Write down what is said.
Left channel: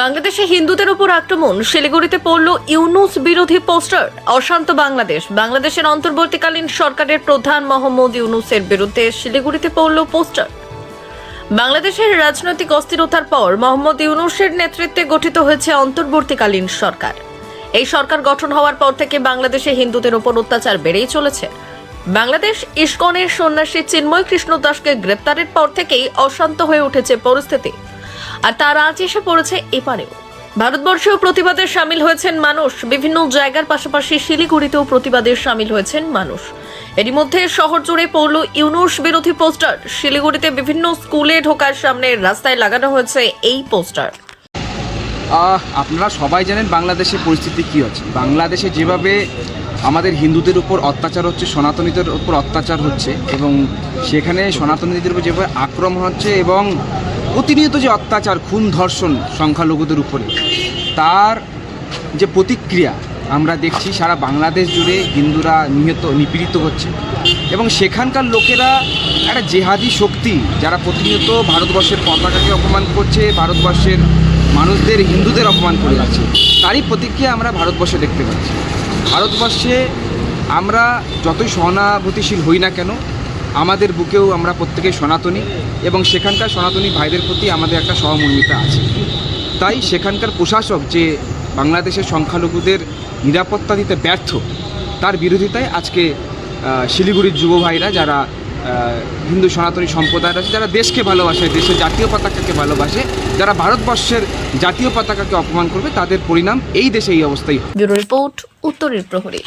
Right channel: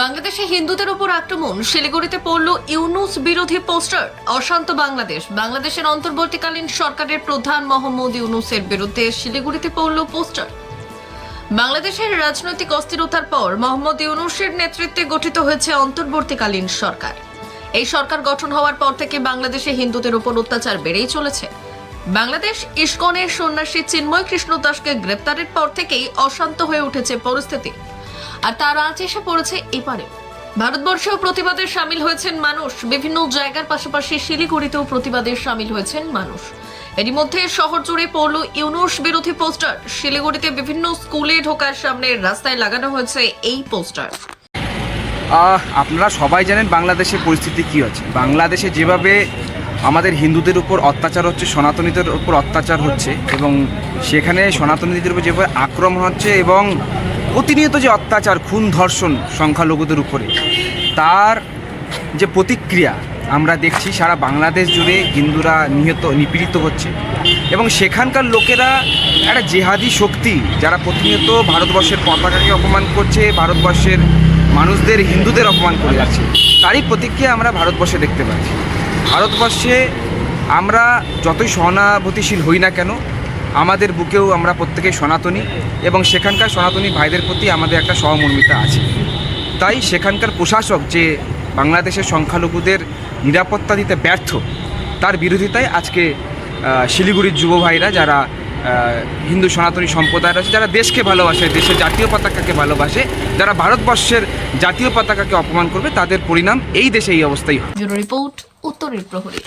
বাংলাদেশে হিন্দুদের উপর আক্রমণ, শিলিগুড়িতে পড়ল ইউনূস বিরোধী পোস্টার। অশান্ত বাংলাদেশ, বাংলাদেশের অন্তর্বর্তীকালীন সরকারের প্রধান মোহাম্মদ ইউনূসের বিরুদ্ধে শিলিগুড়িতে পড়ল পোস্টার। বাংলাদেশের রাজনৈতিক অস্থিরতার পর মোহাম্মদ ইউনূসের নেতৃত্বে গঠিত হয়েছে অন্তর্বর্তীকালীন সরকার। এই সরকার গঠন হওয়ার পর থেকে বাংলাদেশে হিন্দুদের উপর অত্যাচার বেড়েই চলেছে। বাংলাদেশ ইসকনের সন্ন্যাসী চিন্ময় কৃষ্ণ দাসকে গ্রেপ্তারের পর থেকেই অশান্ত হয়ে উঠেছে পরিস্থিতি। আর তার আজ এসে পড়েছে এপারেও। ভারতবর্ষেও প্রতিবাদে সামিল হয়েছেন মানুষ। বিভিন্ন জায়গার পাশাপাশি শিলিগুড়িতেও প্রতিবাদে সামিল হয়েছেন মানুষ। এরই মধ্যে শহর জুড়ে পড়ল ইউনূস বিরোধী পোস্টার। শিলিগুড়িতে বিভিন্ন স্কুলে ঢোকার সামনে রাস্তায় লাগানো হয়েছে এই পোস্টার। আপনারা সবাই জানেন বাংলাদেশের পরিস্থিতি কী হচ্ছে। বাংলাদেশে যেভাবে আমাদের হিন্দুদের উপর অত্যাচার হচ্ছে, সনাতনীদের উপর অত্যাচার হচ্ছে, এবং সেখানে সনাতনীদের উপর যেভাবে আক্রমণ হচ্ছে এবং প্রতিনিয়ত যে অত্যাচার, খুন, ধর্ষণ সংখ্যালঘুদের উপরে, তার যে প্রতিক্রিয়া আমরা দেখছি সারা বাংলাদেশ জুড়ে হিন্দুরা নিপীড়িত হচ্ছে। এবং সেখানকার লোকেরা একটা জেহাদি শক্তি, যারা প্রতিনিয়ত ভারতবর্ষের পতাকাকে অপমান করছে, ভারতবর্ষের মানুষদের, হিন্দুদের অপমান করে যাচ্ছে, তারই প্রতিক্রিয়া আমরা ভারতবর্ষে দেখতে পাচ্ছি। ভারতবর্ষে আমরা যতই সহানুভূতিশীল হই না কেন, আমাদের বুকেও আমরা প্রত্যেকেই সনাতনী, এবং সেখানকার সনাতনী ভাইদের প্রতি আমাদের একটা সহমর্মিতা আছে। তাই সেখানকার প্রশাসক যে বাংলাদেশের সংখ্যালঘুদের নিরাপত্তা দিতে ব্যর্থ, তার বিরোধিতায় আজকে শিলিগুড়ির যুব ভাইরা, যারা হিন্দু সনাতনী সম্প্রদায় আছে, যারা দেশকে ভালোবাসে, দেশের জাতীয় পতাকাকে ভালোবাসে, যারা ভারতবর্ষের জাতীয় পতাকাকে অপমান করবে, তাদের পরিণাম এই দেশে এই অবস্থাই হয়। ব্যুরো রিপোর্ট, উত্তরের প্রহরী।